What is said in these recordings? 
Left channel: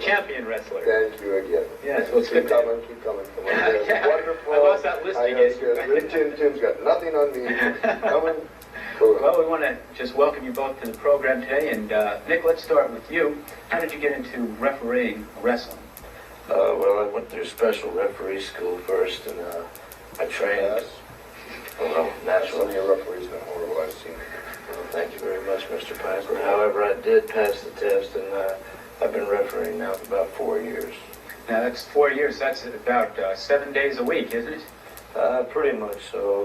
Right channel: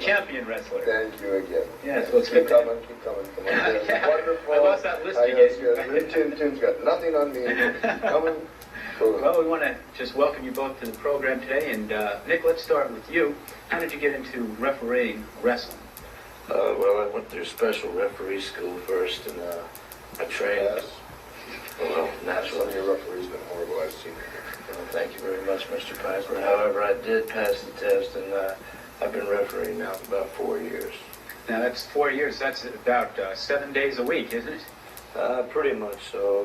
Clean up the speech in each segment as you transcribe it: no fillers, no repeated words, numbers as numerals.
champion wrestler. Thank you again. Yes, well, it's keep good. coming, keep coming. Yeah. Wonderful. I lost that list again. Tim's got nothing on me. Coming. Well, we want to just welcome you both to the program today. And Nick, let's start with you. How did you get into refereeing wrestling? Well, I went through special referee school first, and I trained. Naturally, your referee's been horrible, I've seen. Thank you very much, Mr. Piper. However, I did pass the test, and I've been refereeing now for about 4 years. Now, that's 4 years. That's about 7 days a week, isn't it? Pretty much so.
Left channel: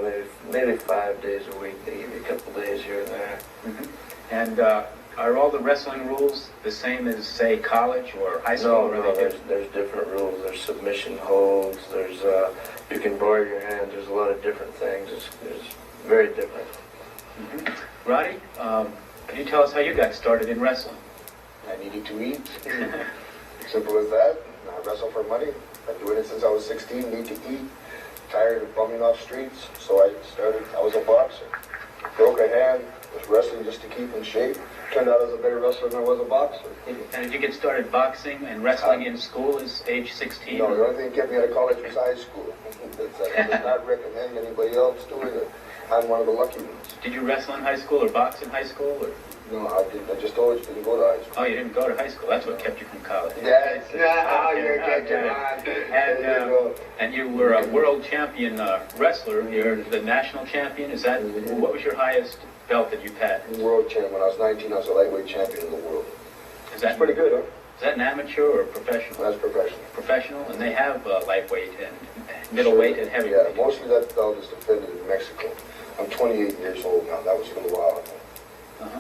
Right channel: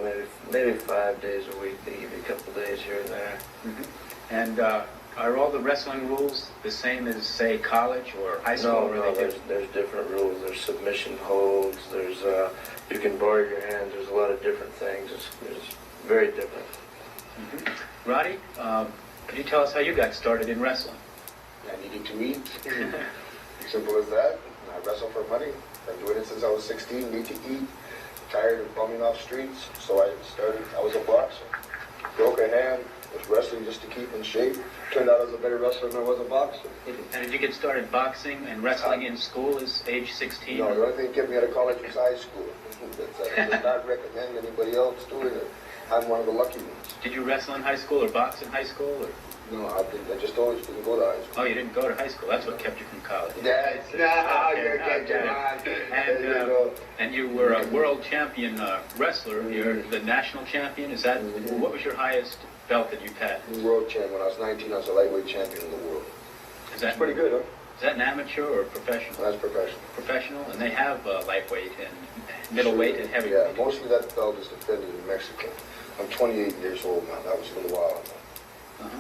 Maybe 5 days a week. They give you a couple of days here and there. Mm-hmm. And are all the wrestling rules the same as, say, college or high school? No, there's different rules. There's submission holds. There's you can bar your hands. There's a lot of different things. It's very different. Mm-hmm. Roddy, can you tell us how you got started in wrestling? I needed to eat. Simple as that. I wrestle for money. I've been doing it since I was 16. Need to eat. Tired of bumming off streets. So I started. I was a boxer. Broke a hand. Was wrestling just to keep in shape. Turned out I was a better wrestler than I was a boxer. And did you get started boxing and wrestling in school as age 16? No, the only thing that kept me out of college was high school. I would not recommend anybody else doing it. I'm one of the lucky ones. Did you wrestle in high school or box in high school? Or? No, I didn't. I just always didn't go to high school. Oh, you didn't go to high school. That's what kept you from college. Yes. And you were a world champion wrestler. You're the national champion. Is that what was your highest belt that you've had? World champ. When I was 19, I was a lightweight champion of the world. Is that pretty good, huh? Is that an amateur or professional? That's professional. Professional, and they have lightweight and middleweight and heavyweight. Yeah, most of that belt is defended in Mexico. I'm 28 years old now. That was a little while ago. Uh-huh.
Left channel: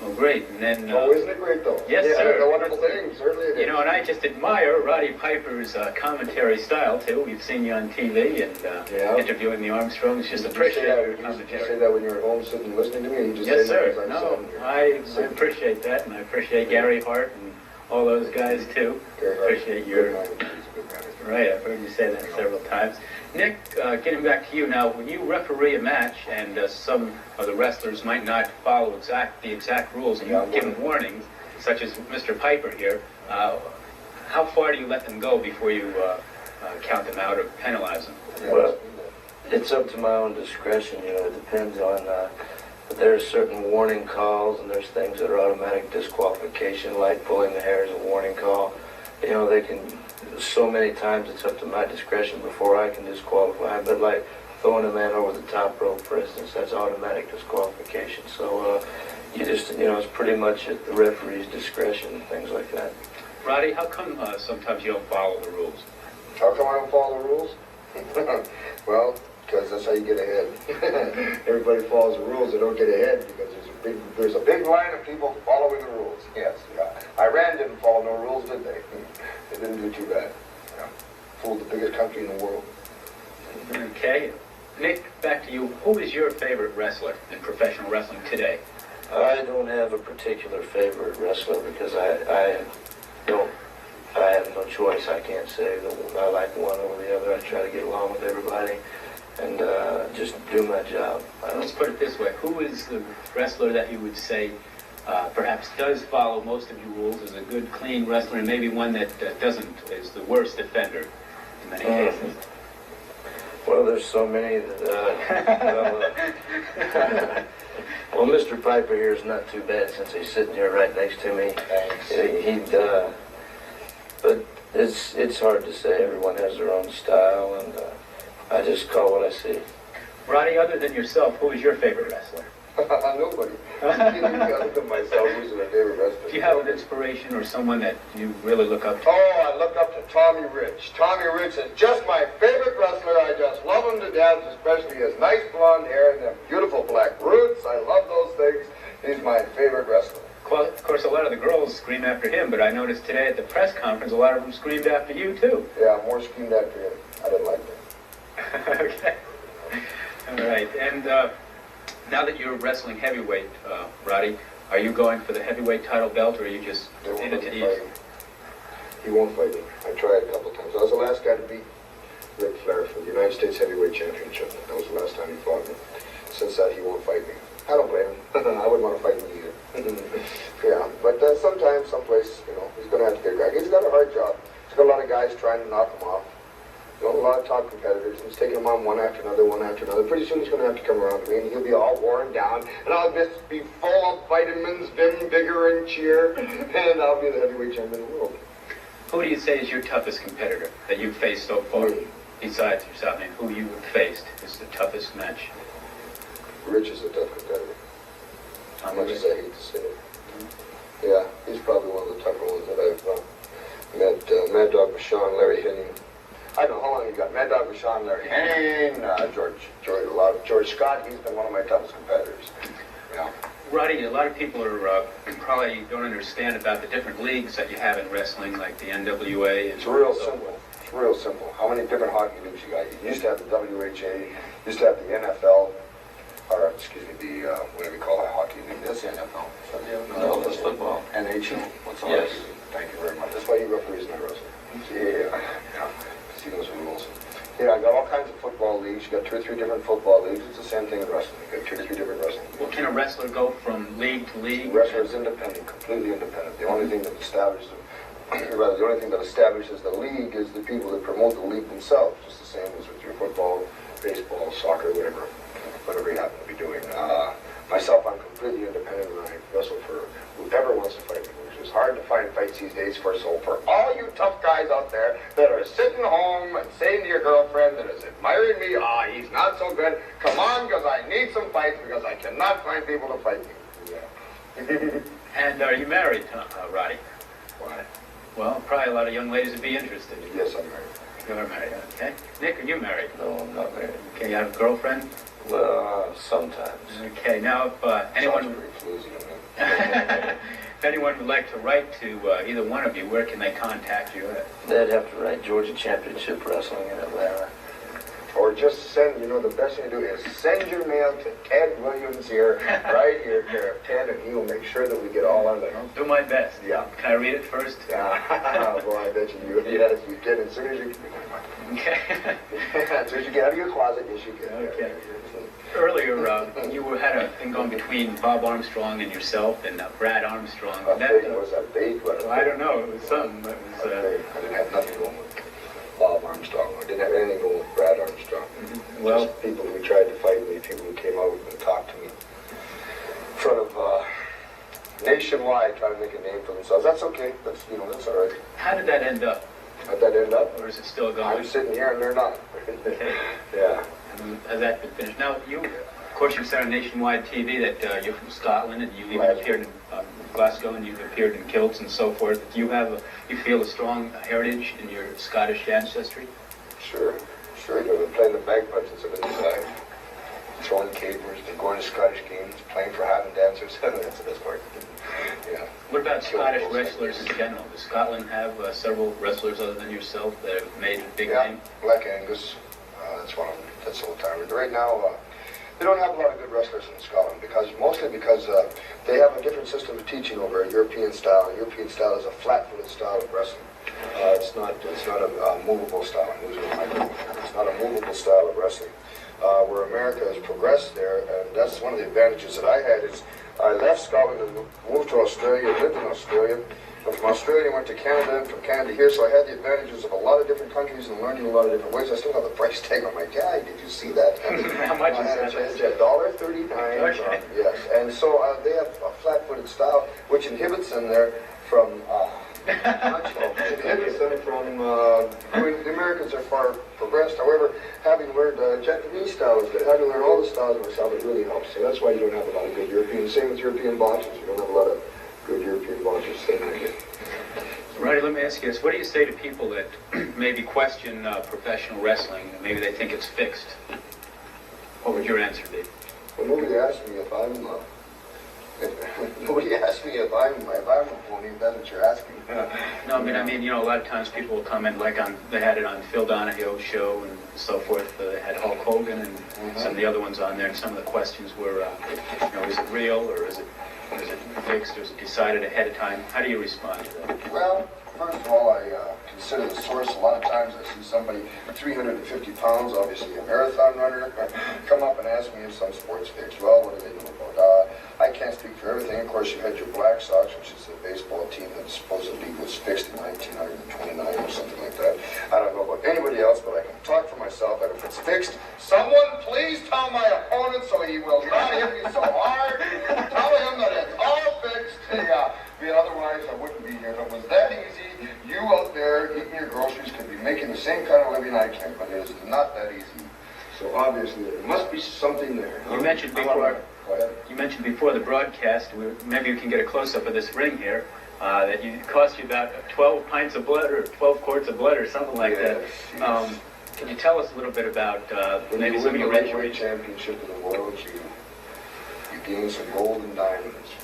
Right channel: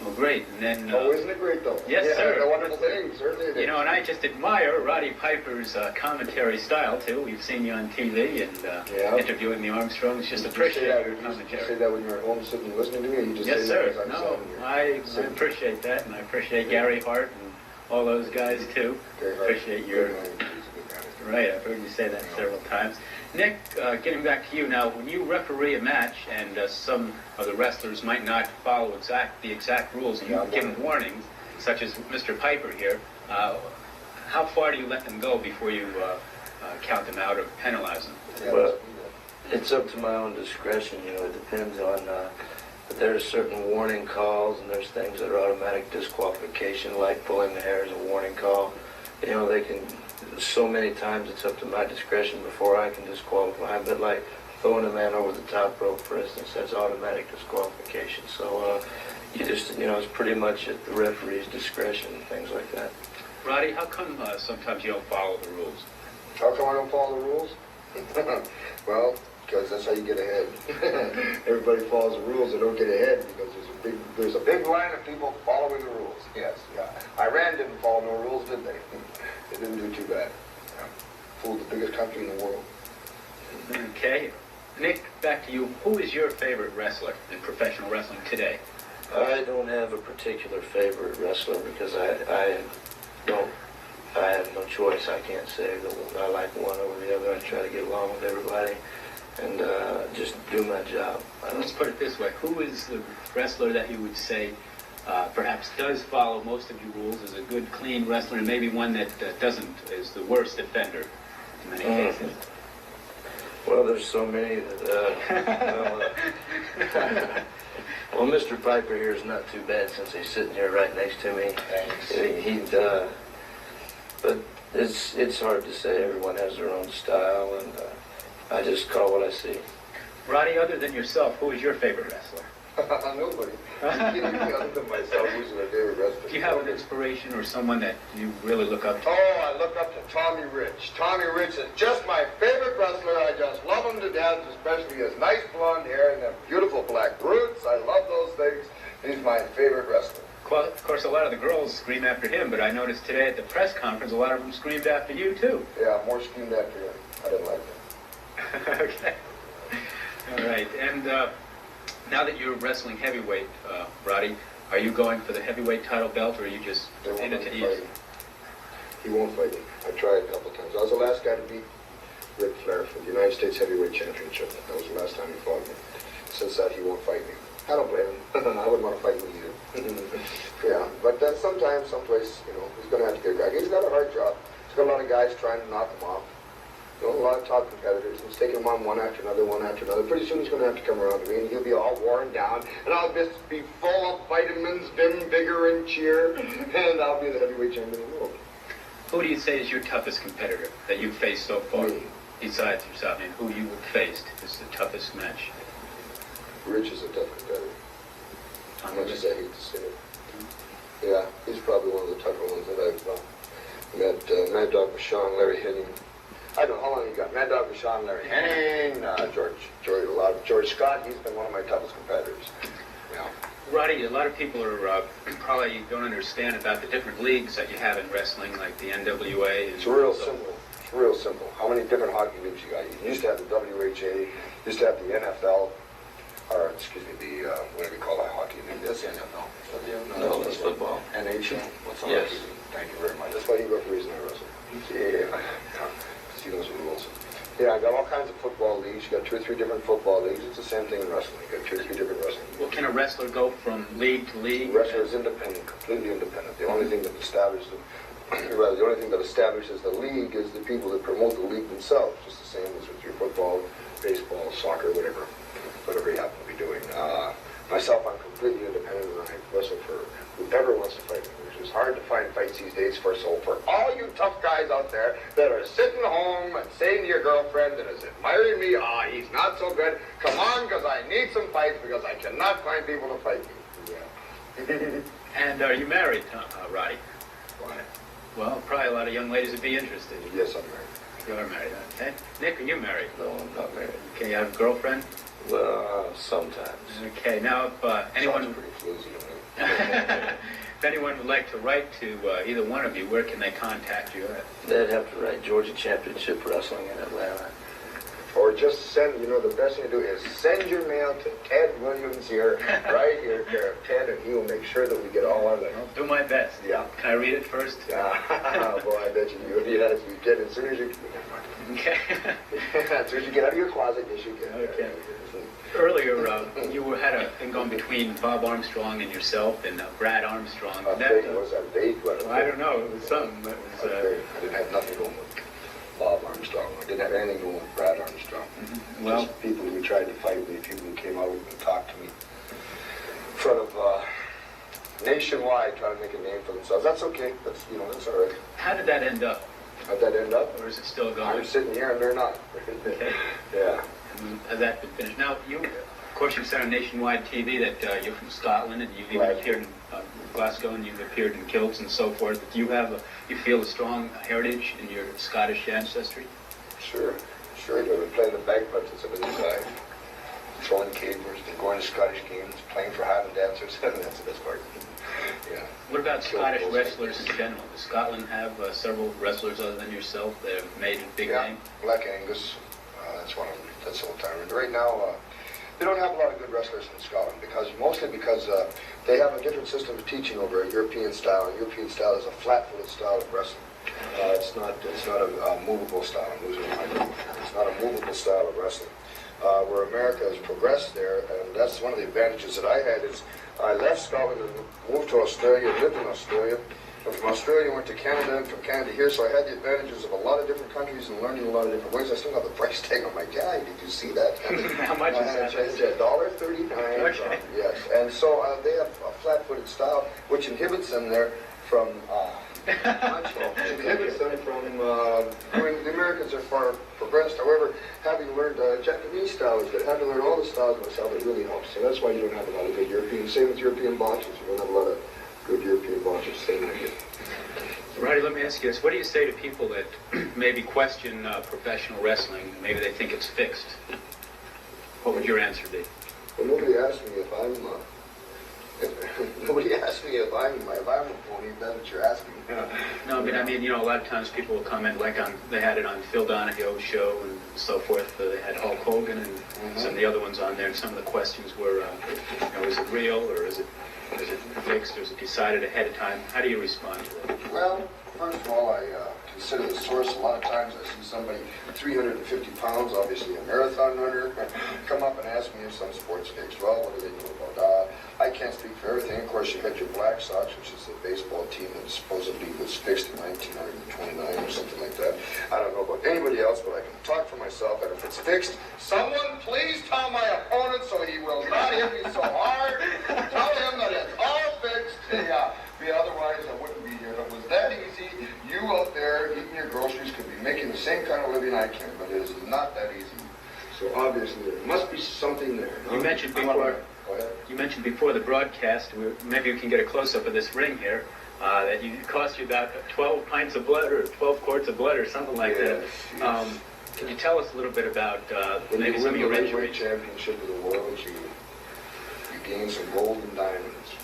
Well, great. And then. Oh, isn't it great, though? Yes, sir. It's a wonderful thing. Certainly it is. You know, and I just admire Roddy Piper's commentary style, too. We've seen you on TV and interviewing the Armstrongs. Just appreciate your commentary. Did you say that when you were at home sitting listening to me? You just Yes, say sir. that No, I appreciate that, and I appreciate Gary Hart and all those guys, too. Appreciate your... Right, I've heard you say that several times. Nick, getting back to you now, when you referee a match and some of the wrestlers might not follow the exact rules and you give them warnings, such as Mr. Piper here, how far do you let them go before you count them out or penalize them? Well, it's up to my own discretion. You know, it depends on. But there are certain warning calls, and there's things that are automatic disqualification, like pulling the hair is a warning call. You know, they can. So many times it's up to my discretion before I can disqualify. But like throwing a man over the top rope, for instance, that's automatic disqualification. So you just, you know, it's pretty much at the referee's discretion and things like that. Roddy, how come sometimes you don't follow the rules? How come I don't follow the rules? Well, because that's how you get ahead. Everybody follows the rules, they don't get ahead because there's a big line of people following the rules. Yes, Iran didn't follow no rules, did they? They didn't do too bad. Fooled the biggest country in the world. Okay. Nick, back to you. Who is your favorite wrestler in professional wrestling today? I don't have a particular favorite wrestler because I have no choice. I can't say that I like one over the other. I try to get along with everybody and just do my job. Let's put it this way. Who is the wrestler that you would say perhaps does follow most of your rules, is a good, clean wrestler, and maybe one that doesn't, is the worst offender in many cases? Well, there's so many well, Mr. Piper here is not too bad since he's sitting here right next to me. But it's hard to say. Everyone has their own style, and I just call what I see. Roddy, other than yourself, who is your favorite wrestler? Nobody. Other than myself, who's my favorite wrestler? Do you have an inspiration or someone that you really look up to? Oh, I look up to Tommy Rich. Tommy Rich is just my favorite wrestler. I just love him to death, especially his nice blonde hair and the beautiful black roots. I love those things. He's my favorite wrestler. Well, of course, a lot of the girls scream after him, but I noticed today at the press conference, a lot of them screamed after you, too. Yeah, more screamed after him. I didn't like that. Okay. All right. And now that you're wrestling heavyweight, Roddy, are you going for the heavyweight title belt, or are you just in it to eat? He won't fight me. I tried a couple times. I was the last guy to beat Ric Flair for the United States Heavyweight Championship. That was the last time he fought me. Since that, he won't fight me. I don't blame him. I wouldn't want to fight him either. Yeah, but sometimes, someplace, he's going to have to get back. He's got a hard job. He's got a lot of guys trying to knock him off. A lot of top competitors. He's taking them on one after another. Pretty soon he's going to have to come around to me, and he'll be all worn down, and I'll just be full of vitamins, vim, vigor, and cheer, and I'll be the heavyweight champion of the world. Who do you say is your toughest competitor that you've faced so far? Besides yourself, I mean, who you faced is the toughest match? Rich is a tough competitor. How much as I hate to say it. Yeah, he's probably one of the tougher ones that I've met. Mad Dog Vachon, Larry Henning. I don't know how long you got. Mad Dog Vachon, Larry Henning, George Scott. He's been one of my toughest competitors. Yeah. Roddy, a lot of people are probably don't understand about the different leagues that you have in wrestling, like the NWA. It's real simple. It's real simple. How many different hockey leagues you got? You used to have the WHA, used to have the NFL, or excuse me, the whatever you call that hockey league. That's NFL. No, that's football. NHL. That's all. Yes. Thank you very much. That's why he referees my wrestling. Yeah. He knows the rules. Yeah, I got all kinds of football leagues. You got 2 or 3 different football leagues. It's the same thing in wrestling. You got 2 or 3 different wrestling leagues. Well, can a wrestler go from league to league? Wrestler is independent, completely independent. The only thing that establishes, the league is the people that promote the league themselves. Just the same as with your football, baseball, soccer, whatever you happen to be doing. Myself, I'm completely independent, and I wrestle for whoever wants to fight me, which is hard to find fights these days. For all you tough guys out there that are sitting home and saying to your girlfriend that is admiring me, he's not so good. Come on, because I need some fights because I cannot find people to fight me. Yeah. And are you married, Roddy? Why? Well, probably a lot of young ladies would be interested. Yes, I'm married. You are married, okay. Nick, are you married? No, I'm not married. Okay, you have a girlfriend? Sometimes. Okay, now if anyone... Sounds pretty floozy, I If anyone would like to write to either one of you, where can they contact you? They'd have to write Georgia Championship Wrestling in Atlanta. Or just send, the best thing to do is send your mail to Ted Williams here, right here, Ted, and he will make sure that we get all of them. I'll do my best. Yeah. Can I read it first? Well, I bet you do. Yes, you did. As soon as you Okay. as soon as you get out of your closet, yes, you can. Okay. Earlier, you had a thing going between Bob Armstrong and yourself and Brad Armstrong. I think it was a date. Well, I don't know. It was something. It was, I didn't have nothing going with Bob Armstrong. I didn't have anything going with Brad Armstrong. Well, just people who tried to fight me, people who came out and talked to me in front of nationwide, trying to make a name for themselves. That's okay. That's that's all right. how did that end up? How'd that end up? Or is it still going? I'm sitting here and they're not. Okay. Yeah. Has that been finished? Now, of course, you said on nationwide TV that you're from Scotland and you even appeared in Glasgow and you've appeared in kilts and so forth. Do you feel a strong heritage in your Scottish ancestry? Sure. I've been playing the bagpipes since I've been inside. Throwing capers, going to Scottish games, playing for Highland dancers. That's the best part. Yeah. What about Scottish wrestlers in general? Does Scotland have several wrestlers other than yourself that have made a big name? Black Angus. That's one of them. That's old timer. But right now, they don't have a lot of good wrestlers in Scotland mostly because they have a different system of teaching over a European style. A European style is a flat-footed style of wrestling. It's not a movable style. It's not a movable style of wrestling. Where America has progressed there, and that's one of the advantages that I had is I left Scotland and moved to Australia, lived in Australia, and from Australia went to Canada, and from Canada here, so I had the advantages of a lot of different countries and learning a lot of different ways. I still have the price tag on my tag. Did you see that? How much is that? It's $1.39. Okay. Yes, and so they have a flat-footed style, which inhibits them there from... the Americans are far progressed. However, having learned Japanese styles, having learned all the styles of style, it really helps. So that's why you don't have a lot of good Europeans. Same with European boxers. You don't have a lot of good European boxers. Roddy, let me ask you this. What do you say to people that maybe question professional wrestling? Maybe they think it's fixed. What would your answer be? Well, nobody asked me if I'm nobody asked me if I'm a phony. That's what you're asking. No, I mean, a lot of times people will come in, they had it on Phil Donahue's show and so forth. They had Hulk Hogan and some of the other ones on there, and some of the questions were, is it real or is it fixed or is it decided ahead of time? How do you respond to that? Well, first of all, I consider the source of a lot of times I see somebody 350 pounds, obviously a marathon runner, come up and ask me if some sports fixed. Well, what do they do about it? I can't speak for everything. Of course, you had your Black Sox, which is the baseball team that supposedly was fixed in 1929 or something like that. I don't know about anybody else, but I can talk for myself that if it's fixed, someone please tell my opponent so he will not hit me so hard. Tell him that it's all fixed. Yeah. Otherwise, I wouldn't be here. If it was that easy, you out there eating your groceries could be making the same kind of living I can, but it is not that easy. So obviously, there must be something there. You mentioned before. You mentioned before the broadcast. Maybe you can get a close-up of this ring here. That it cost you about 12 pints of blood or 12 quarts of blood or something like that. Yes. Can you tell us a little bit about maybe some of your heavyweight championship of the world? You gain some gold and diamonds.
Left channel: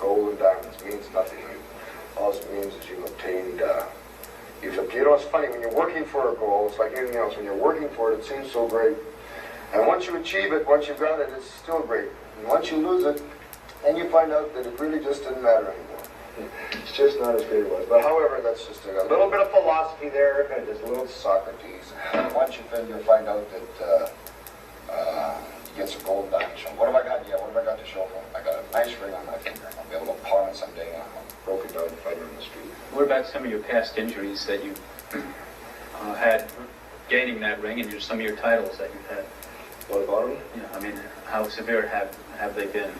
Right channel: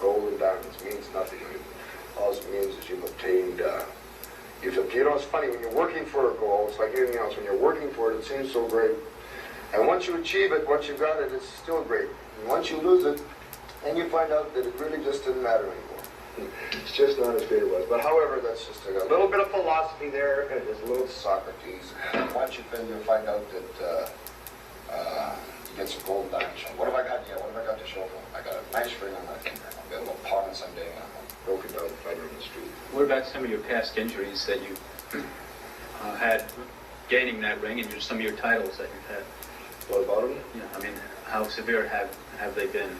Gold and diamonds means nothing. All it means is you've obtained, you know, it's funny, when you're working for a goal, it's like anything else. When you're working for it, it seems so great. And once you achieve it, once you've got it, it's still great. And once you lose it, then you find out that it really just didn't matter anymore. It's just not as good as it was. But however, that's just a little bit of philosophy there. There's a little Socrates. Once you find out that you get some gold diamonds. What have I got? Yeah, what have I got to show for? I got a nice ring on my finger. I'll be able to pawn it someday on a broken down fighter in the street. What about some of your past injuries that you had gaining that ring, and just some of your titles that you've had? What about them? Yeah, I mean, how severe have they been?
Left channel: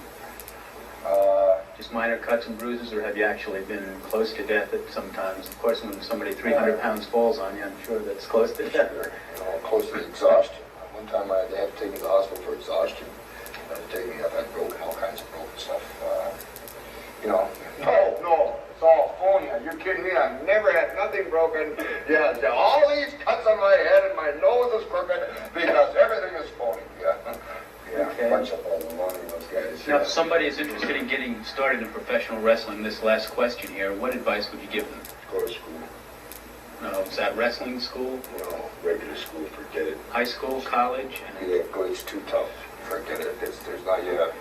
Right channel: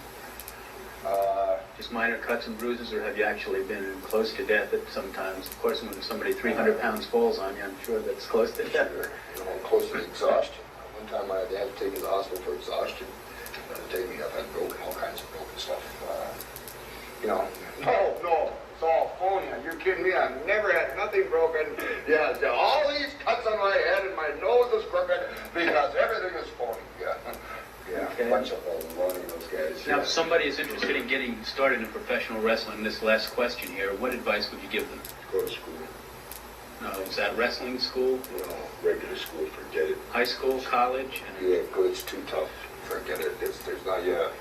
Just minor cuts and bruises, or have you actually been close to death at sometimes? Of course, when somebody 300 pounds falls on you, I'm sure that's close to death. Close to exhaustion. One time I had to take me to the hospital for exhaustion. They had to take me up and broken, all kinds of broken stuff. No, it's all phony. You're kidding me. I've never had nothing broken. Yeah, all these cuts on my head and my nose is crooked because everything is phony. Yeah, Okay. bunch of all the money, those guys. Now, if somebody is interested in getting started in professional wrestling, this last question here, what advice would you give them? Go to school. Is that wrestling school, Regular school, forget it. high school, college? Yeah, it's too tough. Forget it. There's not yet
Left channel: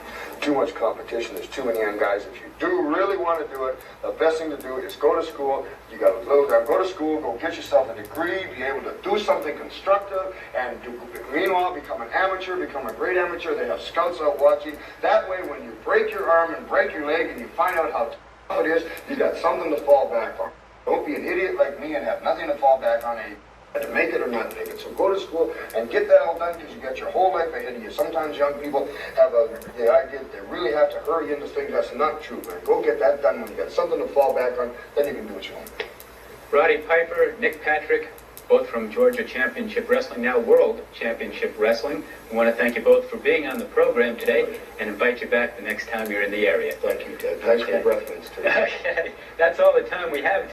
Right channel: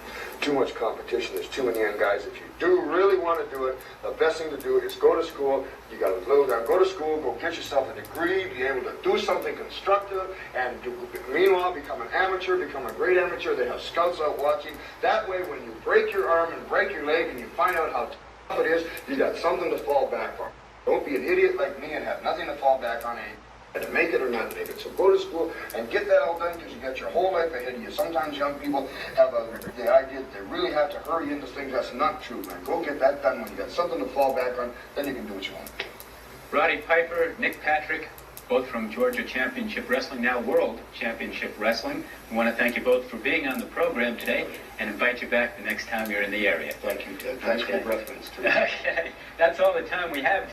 too much competition. There's too many young guys. If you do really want to do it, the best thing to do is go to school. You got to go to school, go get yourself a degree, be able to do something constructive, and meanwhile become an amateur, become a great amateur. They have scouts out watching. That way, when you break your arm and break your leg, and you find out how tough it is, you got something to fall back on. Don't be an idiot like me and have nothing to fall back on. To make it or not make it. So go to school and get that all done because you got your whole life ahead of you. Sometimes young people have the idea that they really have to hurry into things. That's not true, man. Go get that done. When you got something to fall back on, then you can do what you want. Roddy Piper, Nick Patrick, both from Georgia Championship Wrestling, now World Championship Wrestling. We want to thank you both for being on the program today and invite you back the next time you're in the area. Thank you, Ted. Thanks for the reference. Okay, that's all the time we have.